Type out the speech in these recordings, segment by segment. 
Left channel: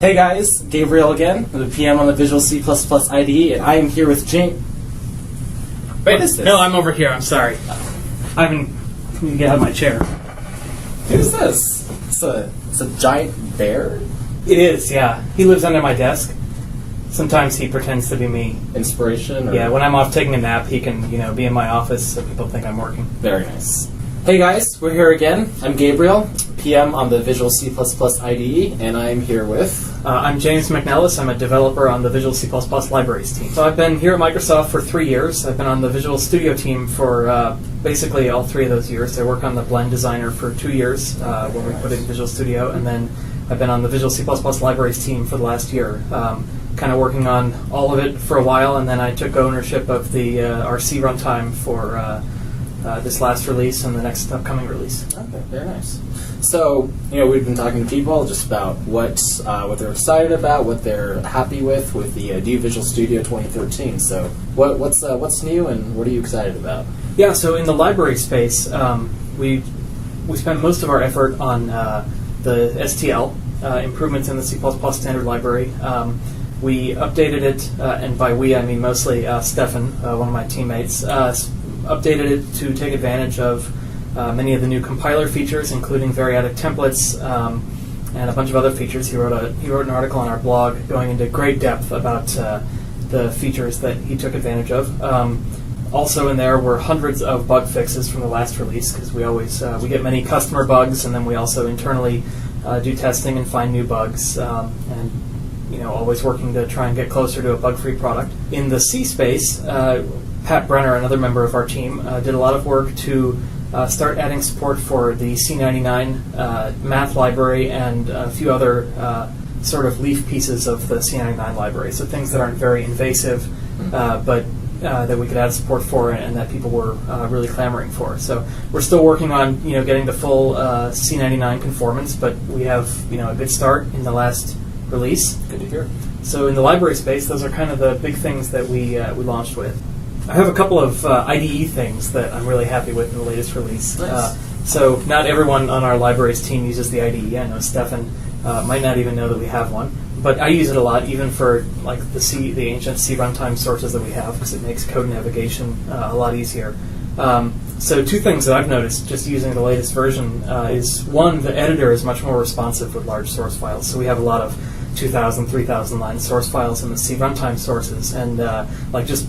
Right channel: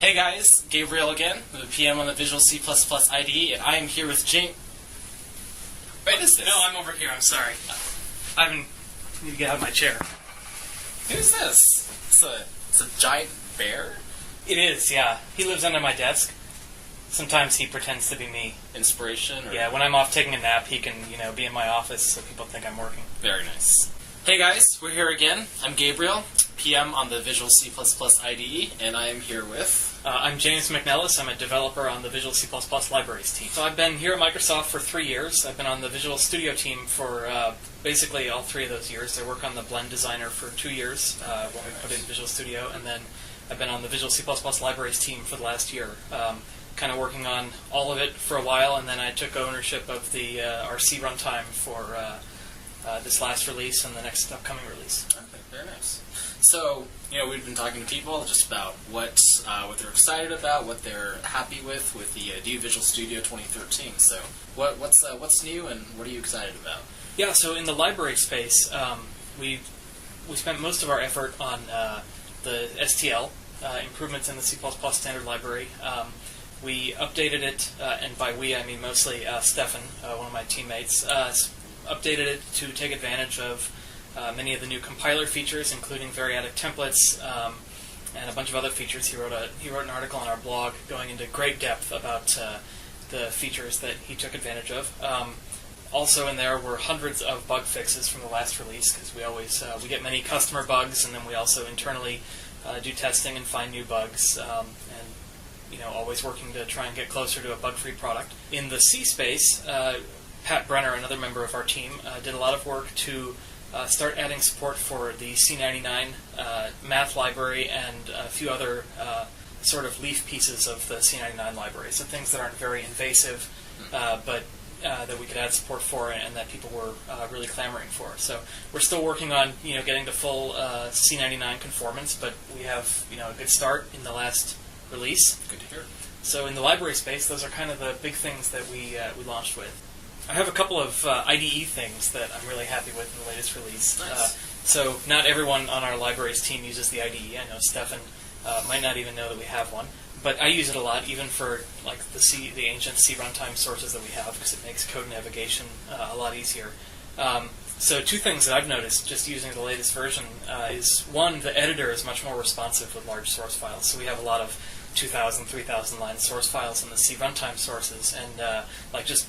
Hey guys, Gabriel again, with a PM on the Visual C++ IDE, and I am here with James. Wait, What is this? No, I'm over here. I'm sorry. I need to get out of my chair. Who's this? It's a giant bear? It is, yeah. He lives under my desk. Sometimes he pretends to be me. Inspiration? Or? Yeah, when I'm off taking a nap, he can, be in my office so people think I'm working. Very nice. Hey guys, we're here again. I'm Gabriel, PM on the Visual C++ IDE, and I'm here with... I'm James McNellis. I'm a developer on the Visual C++ libraries team. So I've been here at Microsoft for 3 years. I've been on the Visual Studio team for basically all 3 of those years. I work on the Blend Designer for 2 years when we put it in Visual Studio, and then I've been on the Visual C++ libraries team for the last year, kind of working on all of it for a while, and then I took ownership of the our C runtime for this last release and the next upcoming release. Okay, very nice. So, we've been talking to people just about what they're excited about, what they're happy with the new Visual Studio 2013. So, what's new and what are you excited about? Yeah, so in the library space, we spent most of our effort on the STL, improvements in the C++ standard library. We updated it, and by we I mean mostly Stefan, one of my teammates, updated it to take advantage of many of the new compiler features, including variadic templates and a bunch of other features. He wrote an article on our blog going into great depth about the features that he took advantage of. Also in there were hundreds of bug fixes from the last release, because we get many customer bugs, and then we also internally do testing and find new bugs, and always working to try and get closer to a bug-free product. In the C space, Pat Brenner, another member of our team, did a lot of work to start adding support for the C99 math library and a few other sort of leaf pieces of the C99 library. So things that aren't very invasive, but that we could add support for and that people were really clamoring for. So we're still working on getting to full C99 conformance, but we have a good start in the last release. Good to hear. So in the library space, those are kind of the big things that we launched with. I have a couple of IDE things that I'm really happy with in the latest release. Nice. So not everyone on our libraries team uses the IDE. I know Stefan might not even know that we have one, but I use it a lot, even for like the ancient C runtime sources that we have, because it makes code navigation a lot easier. So 2 things that I've noticed just using the latest version is, one, the editor is much more responsive with large source files. So we have a lot of 2,000, 3,000 line source files in the C runtime sources, and just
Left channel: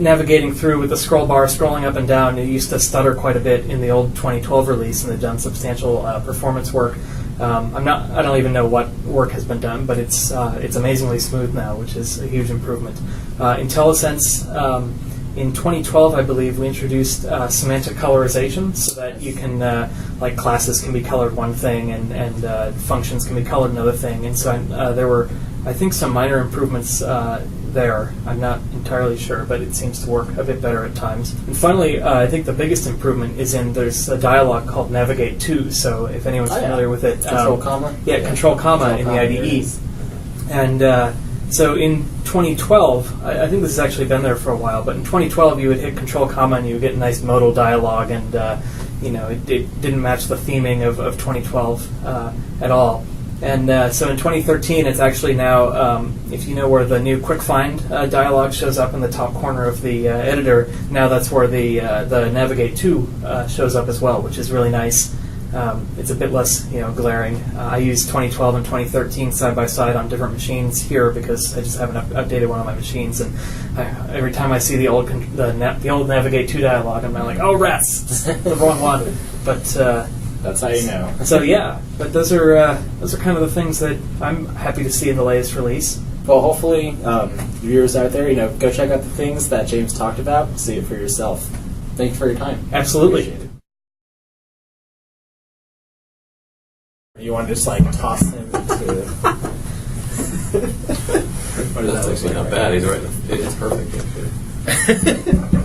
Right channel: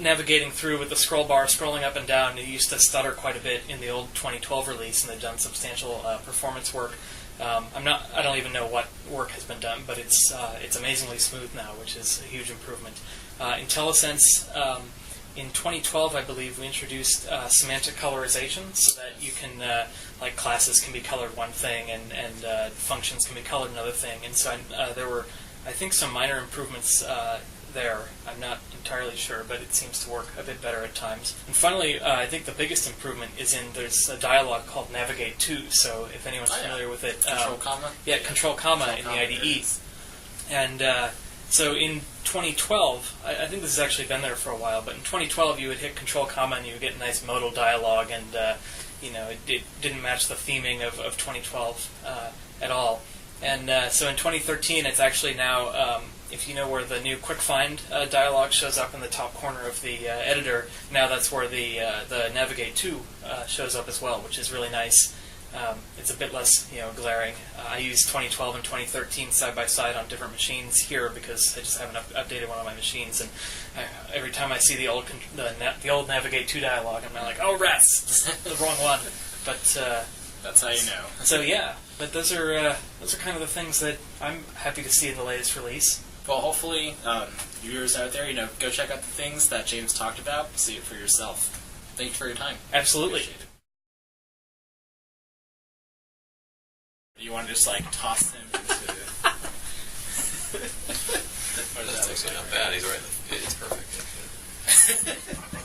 navigating through with the scroll bar, scrolling up and down, it used to stutter quite a bit in the old 2012 release, and they've done substantial performance work. I don't even know what work has been done, but it's amazingly smooth now, which is a huge improvement. Intellisense, in 2012, I believe, we introduced semantic colorization, so that you can, classes can be colored one thing and functions can be colored another thing. And so there were, I think, some minor improvements there. I'm not entirely sure, but it seems to work a bit better at times. And finally, I think the biggest improvement is there's a dialog called Navigate To. So if anyone's familiar with it, Control comma. Yeah, Control comma in the IDE. And so in 2012, I think this has actually been there for a while, but in 2012 you would hit Control comma and you would get a nice modal dialog, and it didn't match the theming of 2012 at all. And so in 2013, it's actually now, if you know where the new Quick Find dialog shows up in the top corner of the editor, now that's where the Navigate To shows up as well, which is really nice. It's a bit less glaring. I use 2012 and 2013 side by side on different machines here because I just haven't updated one of my machines, and every time I see the old Navigate To dialog, I'm like, oh rats, the wrong one. But that's how you know. So yeah, but those are kind of the things that I'm happy to see in the latest release. Well, hopefully, viewers out there, go check out the things that James talked about, see it for yourself. Thank you for your time. Absolutely. Appreciate it. You want to just toss him into? That's actually not bad. He's right. It's perfect. Actually.